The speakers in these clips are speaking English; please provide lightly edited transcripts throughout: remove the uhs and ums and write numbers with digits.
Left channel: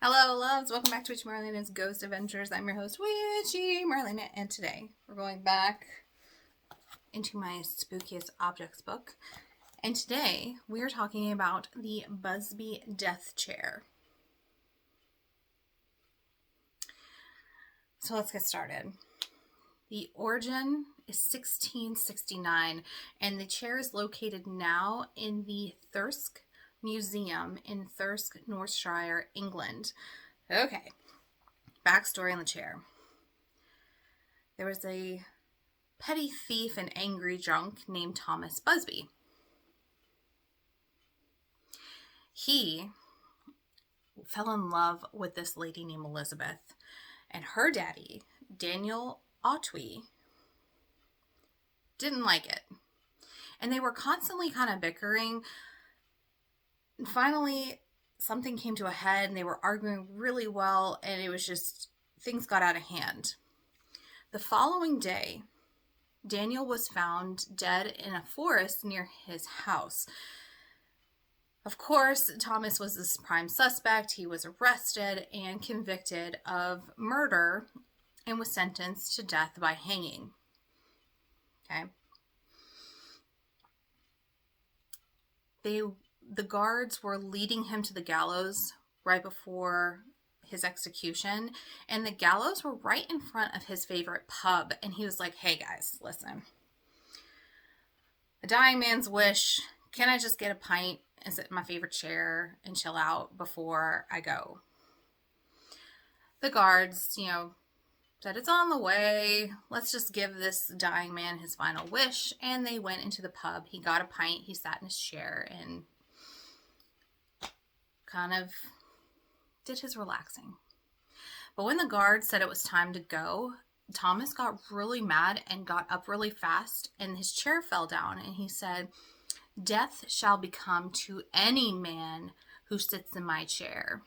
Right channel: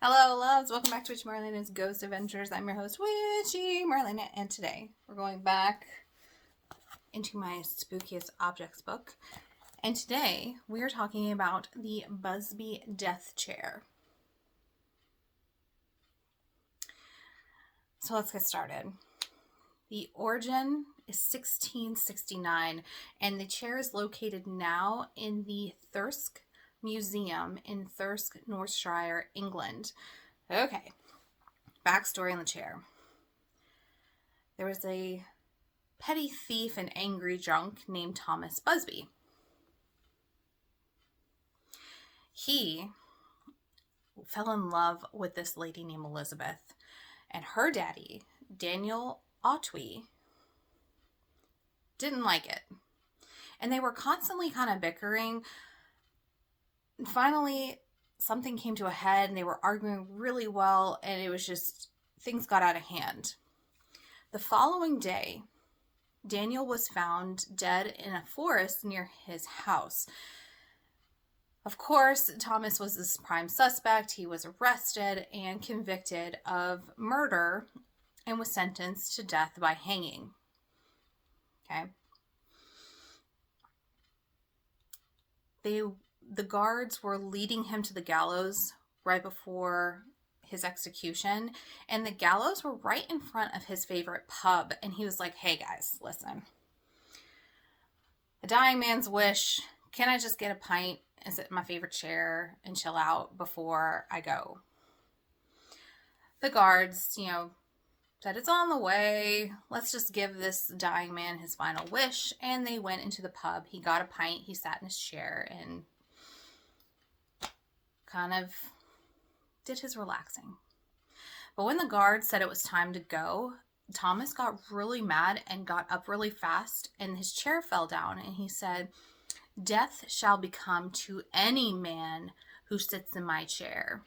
Hello, loves. Welcome back to WitchyMarlaina's Ghost Adventures. I'm your host, WitchyMarlaina, and today we're going back into my Spookiest Objects book. And today we are talking about the Busby Death Chair. So let's get started. The origin is 1669, and the chair is located now in the Thirsk Museum in Thirsk, Northshire, England. Okay, backstory on the chair. There was a petty thief and angry drunk named Thomas Busby. He fell in love with this lady named Elizabeth, and her daddy, Daniel Otway, didn't like it. And they were constantly kind of bickering. And finally, something came to a head and they were arguing really well, and it was just, things got out of hand. The following day, Daniel was found dead in a forest near his house. Of course, Thomas was the prime suspect. He was arrested and convicted of murder and was sentenced to death by hanging. Okay. The guards were leading him to the gallows right before his execution, and the gallows were right in front of his favorite pub, and he was like, hey guys, listen. A dying man's wish. Can I just get a pint and sit in my favorite chair and chill out before I go? The guards, said it's on the way. Let's just give this dying man his final wish. And they went into the pub. He got a pint. He sat in his chair and kind of did his relaxing. But when the guards said it was time to go, Thomas got really mad and got up really fast, and his chair fell down, and he said, "Death shall become to any man who sits in my chair."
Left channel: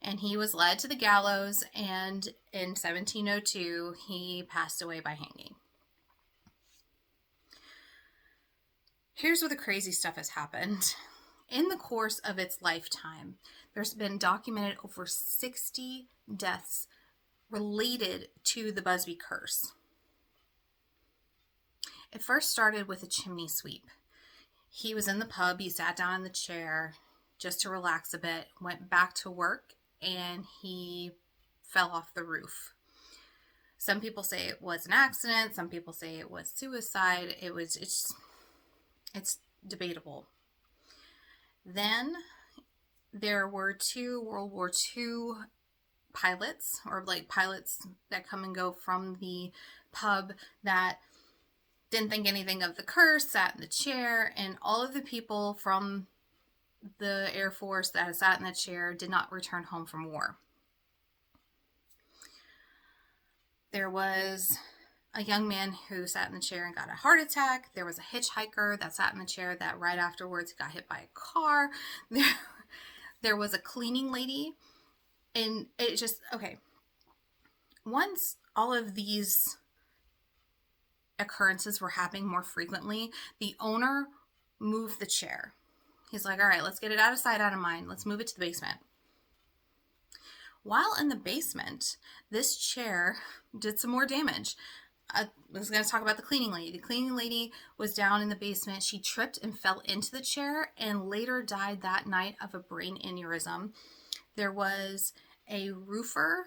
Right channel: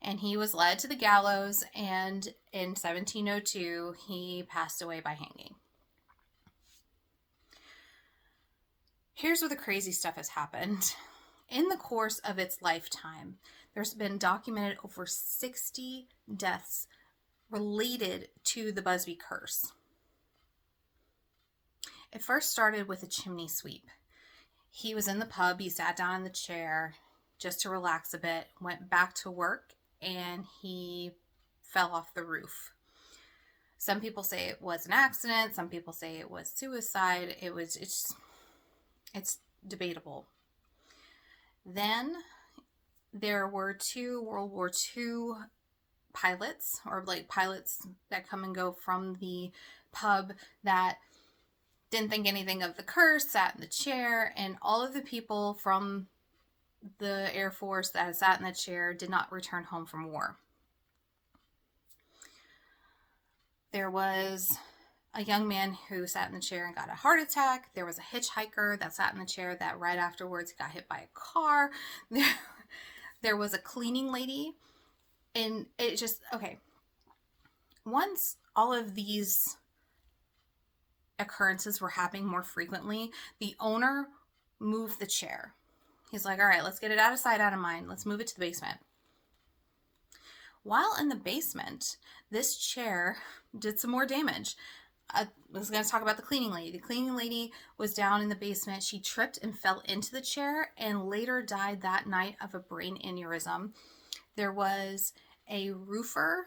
And he was led to the gallows, and in 1702, he passed away by hanging. Here's where the crazy stuff has happened. In the course of its lifetime, there's been documented over 60 deaths related to the Busby curse. It first started with a chimney sweep. He was in the pub, he sat down in the chair just to relax a bit, went back to work, and he fell off the roof. Some people say it was an accident, some people say it was suicide. It's debatable. Then there were 2 World War II pilots, or like pilots that come and go from the pub, that didn't think anything of the curse, sat in the chair, and all of the people from the Air Force that had sat in the chair did not return home from war. There was a young man who sat in the chair and got a heart attack. There was a hitchhiker that sat in the chair that right afterwards got hit by a car. There was a cleaning lady. And it just, okay. Once all of these occurrences were happening more frequently, the owner moved the chair. He's like, all right, let's get it out of sight, out of mind. Let's move it to the basement. While in the basement, this chair did some more damage. I was going to talk about the cleaning lady. The cleaning lady was down in the basement. She tripped and fell into the chair and later died that night of a brain aneurysm. There was a roofer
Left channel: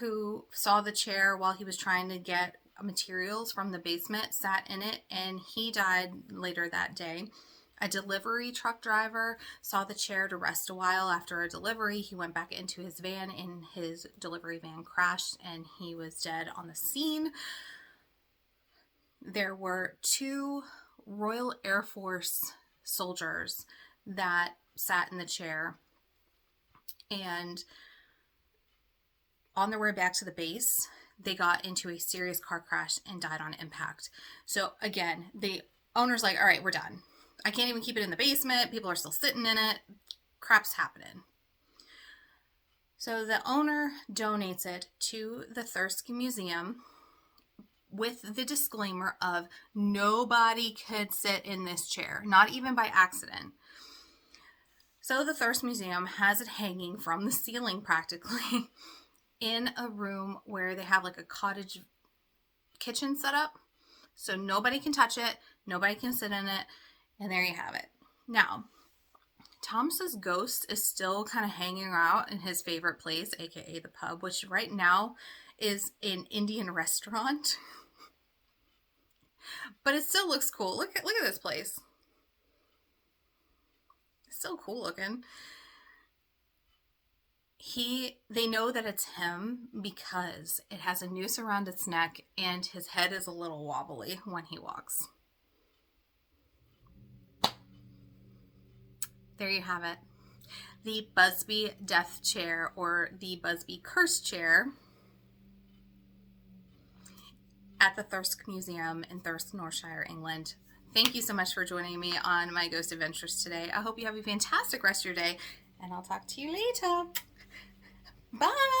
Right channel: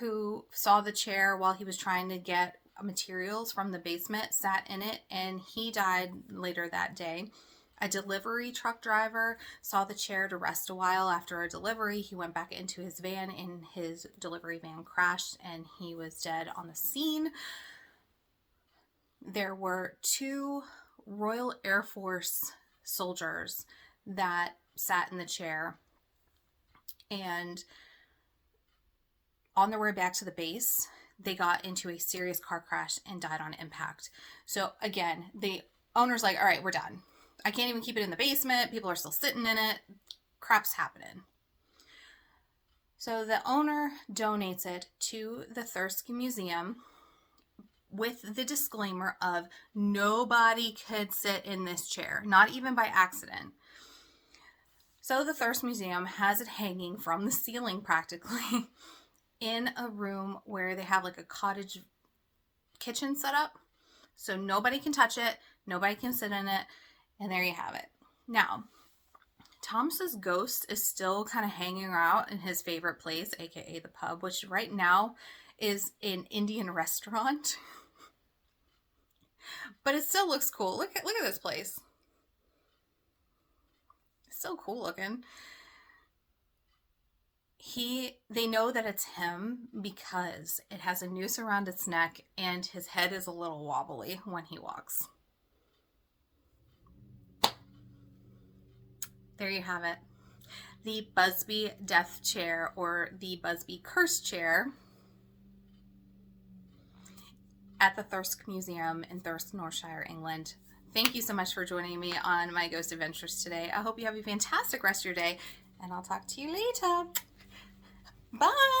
who saw the chair while he was trying to get materials from the basement, sat in it, and he died later that day. A delivery truck driver saw the chair to rest a while after a delivery. He went back into his van, and his delivery van crashed, and he was dead on the scene. There were 2 Royal Air Force soldiers that sat in the chair, and on their way back to the base, they got into a serious car crash and died on impact. So again, the owner's like, all right, we're done. I can't even keep it in the basement. People are still sitting in it. Crap's happening. So the owner donates it to the Thirsk Museum with the disclaimer of nobody could sit in this chair, not even by accident. So the Thirst Museum has it hanging from the ceiling practically in a room where they have like a cottage kitchen set up. So nobody can touch it, nobody can sit in it, and there you have it. Now, Thomas's ghost is still kind of hanging out in his favorite place, aka the pub, which right now is an Indian restaurant. But it still looks cool. Look at this place. It's so cool looking. They know that it's him because it has a noose around its neck and his head is a little wobbly when he walks. There you have it. The Busby Death Chair, or the Busby Curse Chair, at the Thirsk Museum in Thirsk, Northshire, England. Thank you so much for joining me on my ghost adventures today. I hope you have a fantastic rest of your day, and I'll talk to you later. Bye!